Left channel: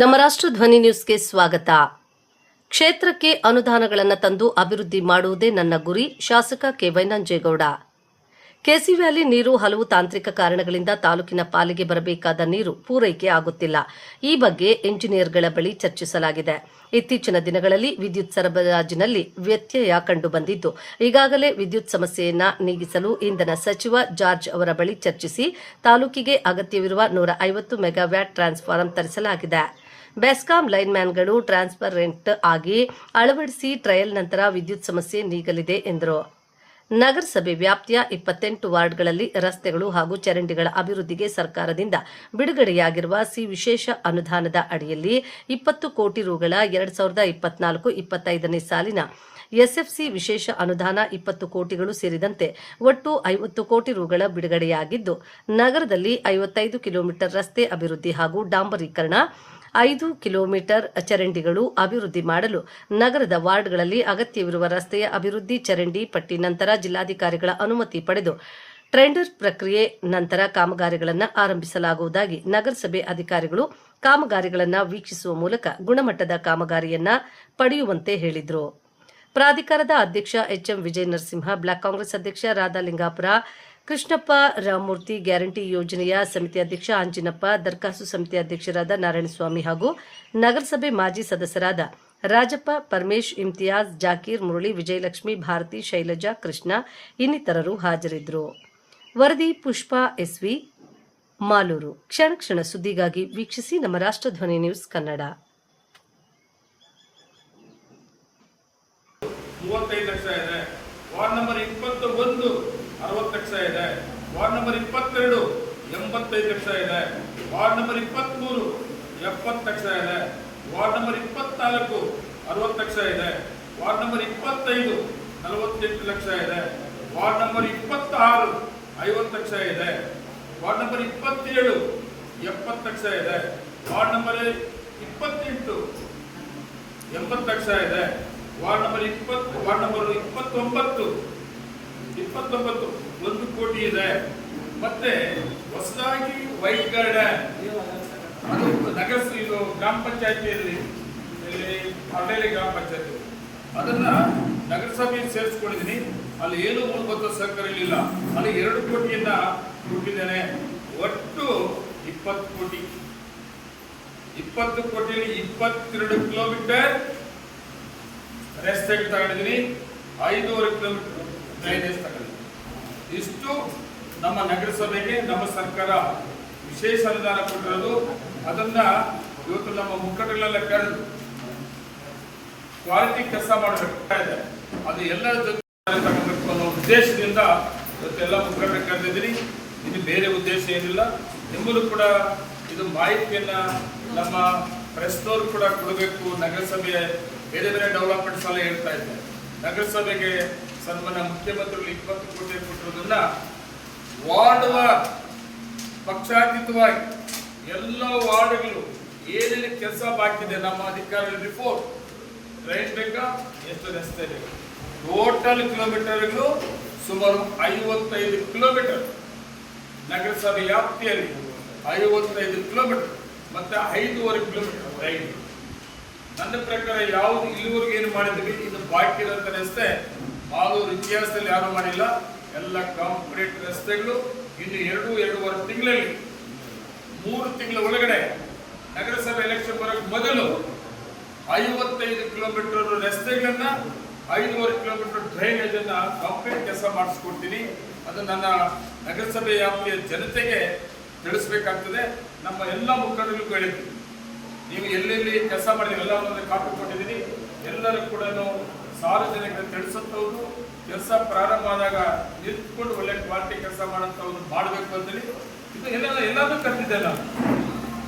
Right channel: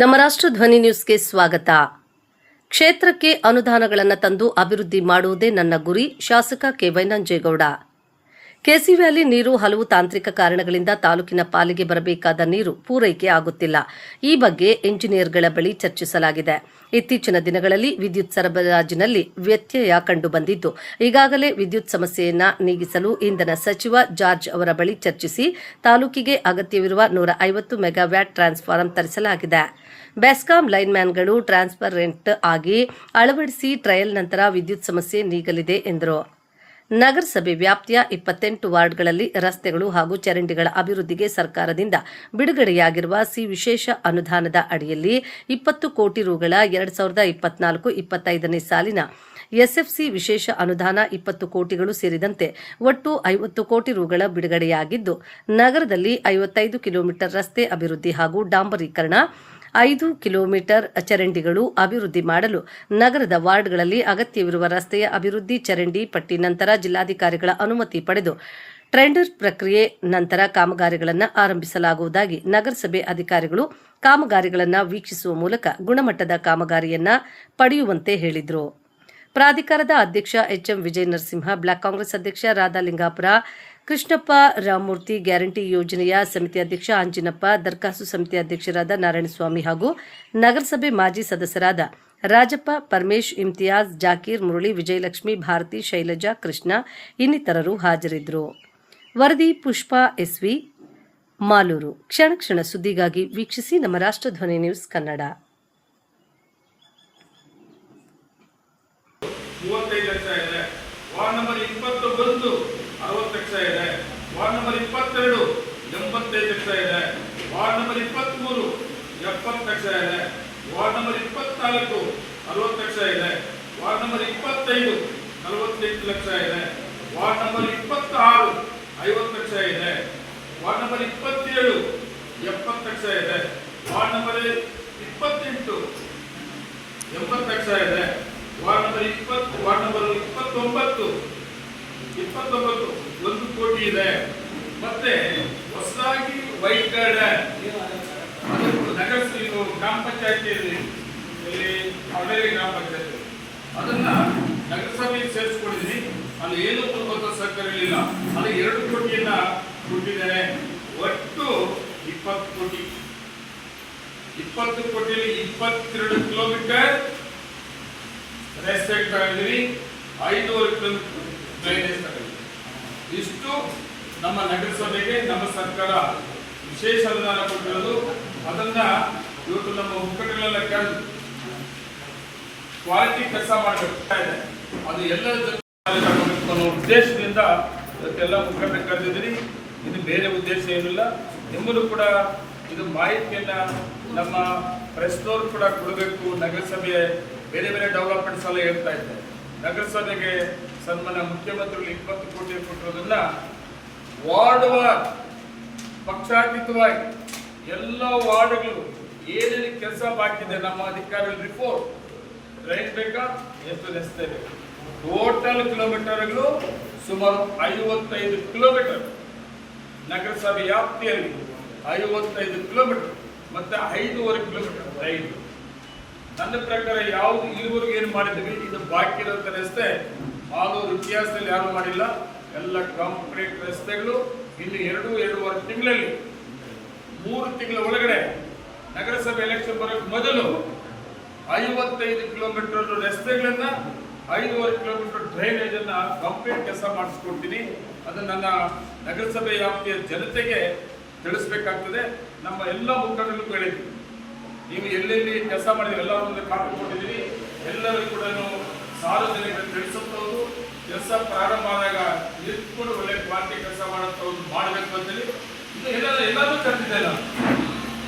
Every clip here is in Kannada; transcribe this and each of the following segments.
ನಮ್ಮ ರಾಷ್ಟ್ರ ಧ್ವನಿ ನ್ಯೂಸ್ಗೆ ಸ್ವಾಗತ. ಕ್ಷೇತ್ರಕ್ಕೆ ಅನುದಾನಗಳನ್ನು ತಂದು ಅಭಿವೃದ್ಧಿ ಮಾಡುವುದೇ ನನ್ನ ಗುರಿ. ಶಾಸಕ ಕೆ ವೈನಂಜೇಗೌಡ. ಕೆಸಿ ವ್ಯಾಲಿ ನೀರು ಹಲವು ತಾಂತ್ರಿಕ ಕಾರಣಗಳಿಂದ ತಾಲೂಕಿನ ಪಾಲಿಗೆ ಬರಬೇಕಾದ ನೀರು ಪೂರೈಕೆ ಆಗುತ್ತಿಲ್ಲ. ಈ ಬಗ್ಗೆ ಎಂಜಿನಿಯರ್ಗಳ ಬಳಿ ಚರ್ಚಿಸಲಾಗಿದೆ. ಇತ್ತೀಚಿನ ದಿನಗಳಲ್ಲಿ ವಿದ್ಯುತ್ ಸರಬರಾಜಿನಲ್ಲಿ ವ್ಯತ್ಯಯ ಕಂಡುಬಂದಿದ್ದು, ಈಗಾಗಲೇ ವಿದ್ಯುತ್ ಸಮಸ್ಯೆಯನ್ನು ನೀಗಿಸಲು ಇಂಧನ ಸಚಿವ ಜಾರ್ಜ್ ಅವರ ಬಳಿ ಚರ್ಚಿಸಿ ತಾಲೂಕಿಗೆ ಅಗತ್ಯವಿರುವ 150 ಮೆಗಾವ್ಯಾಟ್ ಟ್ರಾನ್ಸ್ಫಾರ್ಮರ್ ತರಿಸಲಾಗಿದೆ. ಬೆಸ್ಕಾಂ ಲೈನ್ಮ್ಯಾನ್ಗಳು ಟ್ರಾನ್ಸ್ಪರೆಂಟ್ ಆಗಿ ಅಳವಡಿಸಿ ಟ್ರಯಲ್ ನಂತರ ವಿದ್ಯುತ್ ಸಮಸ್ಯೆ ನೀಗಲಿದೆ ಎಂದರು. ನಗರಸಭೆ ವ್ಯಾಪ್ತಿಯ 28 ವಾರ್ಡ್ಗಳಲ್ಲಿ ರಸ್ತೆಗಳು ಹಾಗೂ ಚರಂಡಿಗಳ ಅಭಿವೃದ್ಧಿಗೆ ಸರ್ಕಾರದಿಂದ ಬಿಡುಗಡೆಯಾಗಿರುವ ವಿಶೇಷ ಅನುದಾನದ ಅಡಿಯಲ್ಲಿ 20 ಕೋಟಿ ರುಗಳ 2024-25ನೇ ಸಾಲಿನ ಎಸ್ಎಫ್ಸಿ ವಿಶೇಷ ಅನುದಾನ 20 ಕೋಟಿಗಳು ಸೇರಿದಂತೆ ಒಟ್ಟು 50 ಕೋಟಿ ರುಗಳ ಬಿಡುಗಡೆಯಾಗಿದ್ದು, ನಗರದಲ್ಲಿ 55 ಕಿಲೋಮೀಟರ್ ರಸ್ತೆ ಅಭಿವೃದ್ಧಿ ಹಾಗೂ ಡಾಂಬರೀಕರಣ, 5 ಕಿಲೋಮೀಟರ್ ಚರಂಡಿಗಳು ಅಭಿವೃದ್ಧಿ ಮಾಡಲು ನಗರದ ವಾರ್ಡ್ಗಳಲ್ಲಿ ಅಗತ್ಯವಿರುವ ರಸ್ತೆಯ ಅಭಿವೃದ್ಧಿ ಚರಂಡಿ ಪಟ್ಟಿ ನಂತರ ಜಿಲ್ಲಾಧಿಕಾರಿಗಳ ಅನುಮತಿ ಪಡೆದು ಟೆಂಡರ್ ಪ್ರಕ್ರಿಯೆ ನಂತರ ಕಾಮಗಾರಿಗಳನ್ನು ಆರಂಭಿಸಲಾಗುವುದಾಗಿ ನಗರಸಭೆ ಅಧಿಕಾರಿಗಳು ಕಾಮಗಾರಿಗಳನ್ನು ವೀಕ್ಷಿಸುವ ಮೂಲಕ ಗುಣಮಟ್ಟದ ಕಾಮಗಾರಿಯನ್ನು ಪಡೆಯುವಂತೆ ಹೇಳಿದರು. ಪ್ರಾಧಿಕಾರದ ಅಧ್ಯಕ್ಷ ಎಚ್ಎಂ ವಿಜಯ ನರಸಿಂಹ, ಬ್ಲಾಕ್ ಕಾಂಗ್ರೆಸ್ ಅಧ್ಯಕ್ಷ ರಾಧಾಲಿಂಗಾಪುರ, ಕೃಷ್ಣಪ್ಪ ರಾಮಮೂರ್ತಿ, ಗ್ಯಾರಂಟಿ ಯೋಜನೆಯ ಸಮಿತಿ ಅಧ್ಯಕ್ಷ ಅಂಜಿನಪ್ಪ, ದರ್ಖಾಸ್ತು ಸಮಿತಿ ಅಧ್ಯಕ್ಷರಾದ ನಾರಾಯಣಸ್ವಾಮಿ ಹಾಗೂ ನಗರಸಭೆ ಮಾಜಿ ಸದಸ್ಯರಾದ ರಾಜಪ್ಪ, ಪರಮೇಶ್, ಇಮ್ತಿಯಾಜ್, ಜಾಕೀರ್, ಮುರಳಿ, ವಿಜಯಲಕ್ಷ್ಮಿ, ಭಾರತಿ, ಶೈಲಜಾ, ಕೃಷ್ಣ ಇನ್ನಿತರರು ಹಾಜರಿದ್ದರು. ವರದಿ ಪುಷ್ಪಾ ಎಸ್ವಿ, ಮಾಲೂರು. ಕ್ಷಣ ಕ್ಷಣ ಸುದ್ದಿಗಾಗಿ ವೀಕ್ಷಿಸಿ ನಮ್ಮ ರಾಷ್ಟ್ರ ಧ್ವನಿ ನ್ಯೂಸ್ ಕನ್ನಡ. 35 ಲಕ್ಷ ಇದೆ. ವಾರ್ಡ್ ನಂಬರ್ 21 60 ಲಕ್ಷ ಇದೆ. ವಾರ್ಡ್ ನಂಬರ್ 22 85 ಲಕ್ಷ ಇದೆ. ವಾರ್ಡ್ ನಂಬರ್ 23 70 ಲಕ್ಷ ಇದೆ. ವಾರ್ಡ್ ನಂಬರ್ 24 60 ಲಕ್ಷ ಇದೆ. ವಾರ್ಡ್ ನಂಬರ್ 25 48 ಲಕ್ಷ ಇದೆ. ವಾರ್ಡ್ ನಂಬರ್ 26 50 ಲಕ್ಷ ಇದೆ. ವಾರ್ಡ್ ನಂಬರ್ 27 70 ಲಕ್ಷ ಇದೆ. ವಾರ್ಡ್ ನಂಬರ್ 28 80 ಲಕ್ಷ ಇದೆ. ವಾರ್ಡ್ ನಂಬರ್ 29 1 ಕೋಟಿ ಇದೆ. ಮತ್ತೆ ಹೊಸದಾಗಿ ವೈಟ್ ಗಾರ್ಡನ್ ನಗರಸಭೆ ಗ್ರಾಮ ಪಂಚಾಯತಿಯಲ್ಲಿ ಹಳ್ಳಿ ಗ್ರಾಮ ಪಂಚಾಯತಿ ಅದನ್ನ ನಗರಸಭೆ ಸೇರಿಸ್ಕೊಂಡಿದ್ದೀನಿ. ಅಲ್ಲಿ ಏನು ಮೂಲಭೂತ ಸಹಕಾರ ಇರಲಿಲ್ಲ. ಅಲ್ಲಿ 2 ಕೋಟಿಯನ್ನ ಕೊಟ್ಟಿದ್ದೇನೆ. ಒಟ್ಟು 20 ಕೋಟಿ. 20 ಕೋಟಿಯಲ್ಲಿ 22 ಕಿಲೋಮೀಟರ್ ರಸ್ತೆ ತಗೊಂಡಿದ್ದೀವಿ, 5.5 ಕಿಲೋಮೀಟರ್ ಡ್ರೈನೇಜ್ ತಗೊಂಡಿದ್ದೀವಿ. ಇಷ್ಟು ನಮ್ಮ ನಗರಸಭೆಗೆ ನಮ್ಮ ಸರ್ಕಾರ ವಿಶೇಷ ಅನುದಾನ ಕೊಟ್ಟಿರೋದು. ಅದನ್ನ ಇವತ್ತು ನಮ್ಮ ಮುಖಂಡರೆಲ್ಲ ಕರೆದು ಕ್ವಾಲಿಟಿ ಕೆಲಸ ಮಾಡಬೇಕಾಗಿದೆ. ಅದು ಎಲ್ಲರ ಜೊತೆ ಅನ್ನೋ ಉದ್ದೇಶದಿಂದ ಇವತ್ತೆಲ್ಲ ಮುಖಂಡರ ಕರೆದಿದ್ದೀನಿ. ಇದು ಬೇರೆ ಉದ್ದೇಶ ಏನಿಲ್ಲ. ನಿಮ್ಮಲ್ಲೂ ಕೂಡ ಇದು ಮಾಹಿತಿಯನ್ನ ನಮ್ಮ ಪ್ರೆಸ್ನವರು ಕೂಡ ಕೊಡಬೇಕು. ನಗರಸಭೆ ಬೇರೆ ಬೇರೆ ಡೆವಲಪ್ಮೆಂಟ್ಸ್ ಎಲ್ಲ ಹೇಳ್ತಾ ಇದ್ದೆ. ನಗರಸಭೆಗೆ ಸನ್ಮಾನ್ಯ ಮುಖ್ಯಮಂತ್ರಿಗಳು 20 ಕೋಟಿ ಕೊಟ್ಟಿರೋದನ್ನ ವಾರ್ಡ್ ಪಕ್ಷಾತೀತವಾಗಿ ಎಲ್ಲ ವಾರ್ಡ್ಗಳು ಏನೇನು ಕೆಲಸ ಬಾಕಿ ಇದೆ ನಮ್ಮ ಅಧಿಕಾರಿಗಳ ರಿಪೋರ್ಟ್, ಟ್ರೈನ್ ಬೇಕಾ, ಎಷ್ಟು ರಸ್ತೆ ಬೇಕು, ಟೋಟಲ್ ಕಿಲೋಮೀಟರ್ಗಳು ಸುಮಾರು 55 ಕಿಲೋಮೀಟರ್ ನಗರಸಭೆ ವ್ಯಾಪ್ತಿಯಲ್ಲಿ 55 ಕಿಲೋಮೀಟರ್ ಮತ್ತೆ 5.5 ಕಿಲೋಮೀಟರ್ ರೈಲ್. ನನ್ನ ಪ್ರಕಾರ ಯಾವುದು ಇಲ್ಲಿವರೆಗೂ ಏನು ಮಾಡಿದ್ದೀವಿ ಇದು ಬಾಕಿ ಇರೋಂಥ ರಸ್ತೆ ಆಲೂರು ಇತಿಹಾಸದಲ್ಲಿ ಯಾರು ಮಾಡಿಲ್ಲ. ಎಲ್ಲ ಕಾಂಕ್ರೀಟ್ ರಸ್ತೆಗಳು ಇನ್ನು 2-2.5 ತಿಂಗಳಲ್ಲಿ 3 ತಿಂಗಳ ಒಳಗಡೆ ನಗರಸಭೆ ಎಲೆಕ್ಷನ್ ಬರೋಕ್ಕೆ ಮೊದಲು 55 ಕಿಲೋಮೀಟರ್ ರಸ್ತೆಗಳನ್ನ 5.5 ಕಿಲೋಮೀಟರ್ ಡ್ರೈನೇಜ್ ಅನ್ನ ಕಂಪ್ಲೀಟ್ ಕೆಲಸ ಮಾಡಿಸ್ಕೊಡ್ತೀನಿ. ಅದು ನನ್ನ ನಗರಸಭೆ ವ್ಯಾಪ್ತಿಯ ಜನತೆಗೆ ತಿಳಿಸ್ಬೇಕಾಗ್ತದೆ. ನಮ್ಮ ಎಲ್ಲ ಮುಖಂಡರಿಗೂ ಹೇಳಿದ್ದೀನಿ, ನೀವು ಎಲ್ಲೆಲ್ಲಿ ಕೆಲಸ ಮಾಡಿದ್ರೆ ಎಲ್ಲರೂ ಕಾಪಿ ಕೊಟ್ಟಿದ್ದೀನಿ. ಎಲ್ಲರೂ ಕೂಡ ಸಾರ್ವಜನಿಕರು ತಿಳಿಸುತ್ತವರು ಕೆಲಸ ಪ್ರಾರಂಭ ಆದಾಗ ನಿಂತ್ಕೊಂಡು ಒಳ್ಳೆ ಕ್ವಾಲಿಟಿ ಕೆಲಸ ಮಾಡುತ್ತವ್ರು ಮಾಡಬೇಕು ಅಂತೇಳಿ ಇದು ಎಲ್ಲರೂ ಕರೆದಿದ್ದೆ. ನಾನು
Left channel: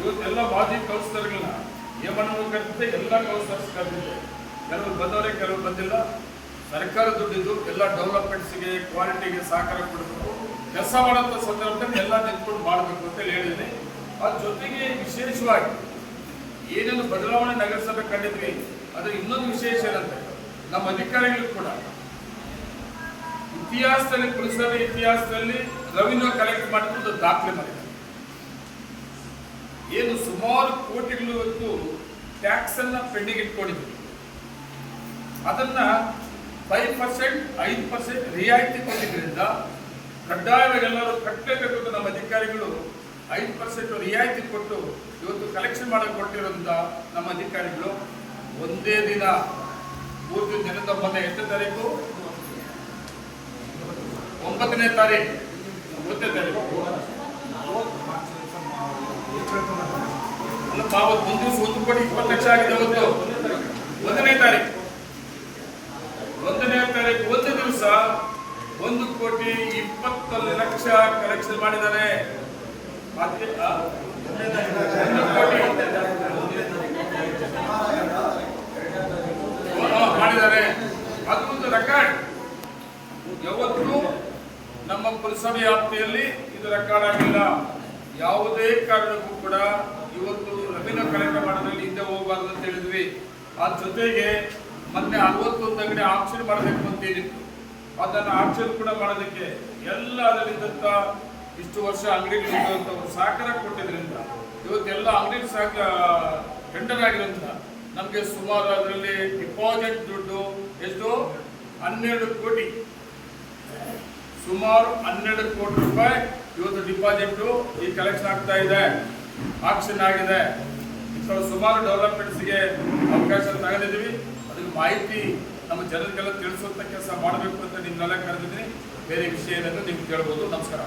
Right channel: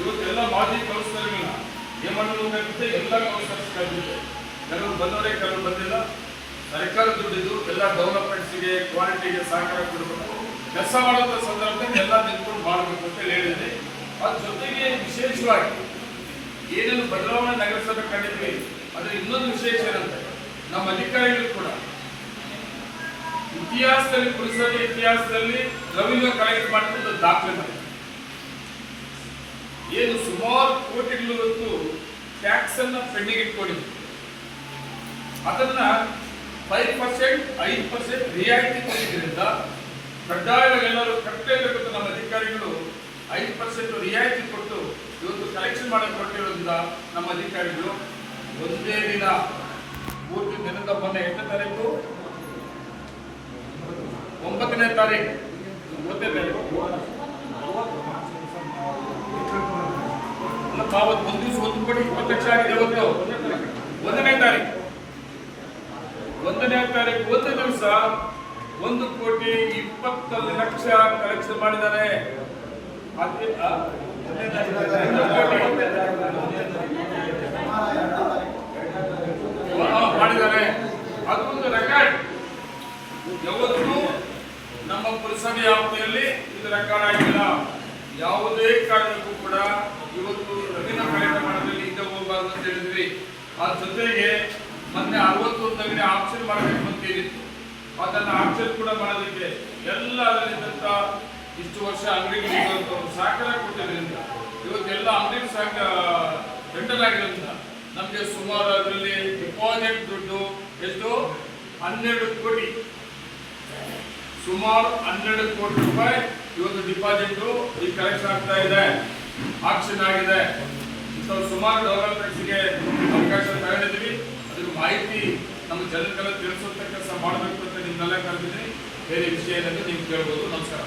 ಇವತ್ತೆಲ್ಲ ಮಾಜಿ ಕೌನ್ಸಿಲರ್ಗಳನ್ನ ಏಮಣ್ಣು ಕರೆದಿದ್ದೆ, ಎಲ್ಲ ಕೌನ್ಸಿಲರ್ಸ್ ಕರೆದಿದ್ದೆ. ಕೆಲವರು ಬಂದವರೇ, ಕೆಲವರು ಬಂದಿಲ್ಲ. ಸರ್ಕಾರ ದುಡ್ಡಿದ್ದು ಎಲ್ಲ ಡೆವಲಪ್ಮೆಂಟ್ಸ್ಗೆ ಕ್ವಾಲಿಟಿಗೆ ಸಹಕಾರ ಕೊಡಬೇಕು. ಕೆಲಸ ಮಾಡುವಂಥ ಸಂದರ್ಭದಲ್ಲಿ ಎಲ್ಲ ನಿಂತ್ಕೊಂಡು ಮಾಡಬೇಕು ಅಂತ ಹೇಳಿದ್ದೀನಿ. ಅದ್ರ ಜೊತೆಗೆ ವಿಶೇಷವಾಗಿ ಏನೇನು ಬದಲಾವಣೆ ನಗರಸಭೆ ಕಂಡಿದ್ವಿ ಅದ್ರ ಇನ್ನೊಂದು ವಿಶೇಷ ಏನಂತ ನಮ್ಮ ಅಧಿಕಾರಿಗಳು ಕೂಡ ಇತಿಹಾಸದಲ್ಲಿ ಪುರಸಭೆ ಇತಿಹಾಸದಲ್ಲಿ ರೆವಿನ್ಯೂ ಕಲೆಕ್ಟ್ ಮಾಡಿದ್ದು ದಾಖಲೆ ಮಾಡಿದ್ದಾರೆ. ಏನು ಸುಮಾರು ಕೋಟಿಗಳು ಇವತ್ತು ಟ್ಯಾಕ್ಸ್ ಅನ್ನ ಪೆಂಡಿಂಗ್ ಇಟ್ಕೊಂಡಿದ್ವಿ, ಅದನ್ನ 5%, 5% ರಿಯಾಯಿತಿ ಕೊಟ್ಟಿದ್ದರಿಂದ ಕಡ್ಡಾಯವಾಗಿ ಎಲ್ಲರೂ ಕಟ್ಟಲೇಬೇಕು ಅಂತ ನಮ್ಮ ಅಧಿಕಾರಿಗಳು 5% ರಿಯಾಯಿತಿ ಕೊಟ್ಟು ಇವತ್ತು ಕಲೆಕ್ಷನ್ ಮಾಡಕ್ಕೆ ಕೊಟ್ಟಿರೋದ್ರಿಂದ ನಮ್ಮ ಅಧಿಕಾರಿಗಳು ಒಂದೇ ದಿನ ಪೂರ್ತಿ ದಿನದ ಮೊನ್ನೆ 8ನೇ ತಾರೀಕು 9ನೇ ತಾರೀಕು 9ನೇ ತಾರೀಕು ಅವತ್ತು ಒಂದು ದಿವಸ 1 ಕೋಟಿ 20 ಲಕ್ಷ ಆಗಿದೆ. ಇವತ್ತು 1ನೇ ತಾರೀಕು ಒಂದು ದಿವಸ 1 ಕೋಟಿ 20 ಲಕ್ಷ ಕಲೆಕ್ಷನ್ ಮಾಡಿದ್ದಾರೆ. ಅದೇ 1 ಕೋಟಿ ಮಾಡಿದ್ದಾರೆ. ಅದು ಒಂದು ರೆಕಾರ್ಡ್. ಯಾವತ್ತೂ ನಮ್ಮ ಪುರಸಭೆ ವ್ಯಾಪ್ತಿಯಲ್ಲಿ ಇದು ರೆಕಾರ್ಡ್ ಆಗಿಲ್ಲ. ಯಾವುದೇ ಕಾರಣಕ್ಕೂ ಕೂಡ ಇವತ್ತು ರೆವಿನ್ಯೂ ಕಲೆಕ್ಟ್ ಮಾಡೋದ್ರಲ್ಲಿ ಹಿಂದೆ ಹೋಗಬಾರ್ದು ಅಂತ ಹೇಳಿದ್ವಿ. ಅದ್ರ ಜೊತೆಗೆ ಮೊನ್ನೆ 61 ಅಂಗಡಿ ಆಕ್ಷನ್ ಮಾಡಬೇಕು ಅಂತ ಹೇಳಿದ್ವಿ. ಅದನ್ನು ಆಕ್ಷನ್ ಕೂಡ ಮಾಡೋದಕ್ಕೆ ಎಲ್ಲ ಅದರಲ್ಲಿದ್ದಂಥ ಇಷ್ಟು ವರ್ಷ ಅಂಗಡಿಗಳು ಸಹಕಾರ ಕೊಟ್ಟಿದ್ದರಿಂದ ಇವತ್ತೆಲ್ಲ ಅಂಗಡಿ ಟೆಂಡರ್ ಆಗಿರೋದ್ರಿಂದ ನಮಗೆ ಸುಮಾರು ಅದರಲ್ಲಿ ಡಿಪಾಸಿಟ್ ದುಡ್ಡು ಎಷ್ಟು 12 ಕೋಟಿ, ಸುಮಾರು 12 ಕೋಟಿ ರೂಪಾಯಿ ಇವತ್ತು ಡಿಪಾಸಿಟ್ ಈ ಕಲೆಕ್ಷನ್ ಆಗ್ತಾ ಇದೆ, ಆಕ್ಷನ್ ಆಗಿದೆ. ಇಂಥ ಸುಮಾರು ಡೆವಲಪ್ಮೆಂಟ್ಸ್ಗೆ ಅವಕಾಶ ತಗೊಂಡಿದ್ದೀವಿ. ಅದಕ್ಕೆ ಮಾಹಿತಿ ನಮ್ಮ ಜನರಿಗೆಲ್ಲ ತಿಳಿಸುವಂತ ಕೆಲಸ ಮಾಡಬೇಕು ಅಂತ ನಿಮ್ಮೆಲ್ಲ ಕರೆದಿದ್ದೀನಿ. ಬೇರೆ ವಿಷಯ ಏನಾದರೂ ನೀವು ಕೇಳ್ಬೋದು. ನಮಸ್ಕಾರ.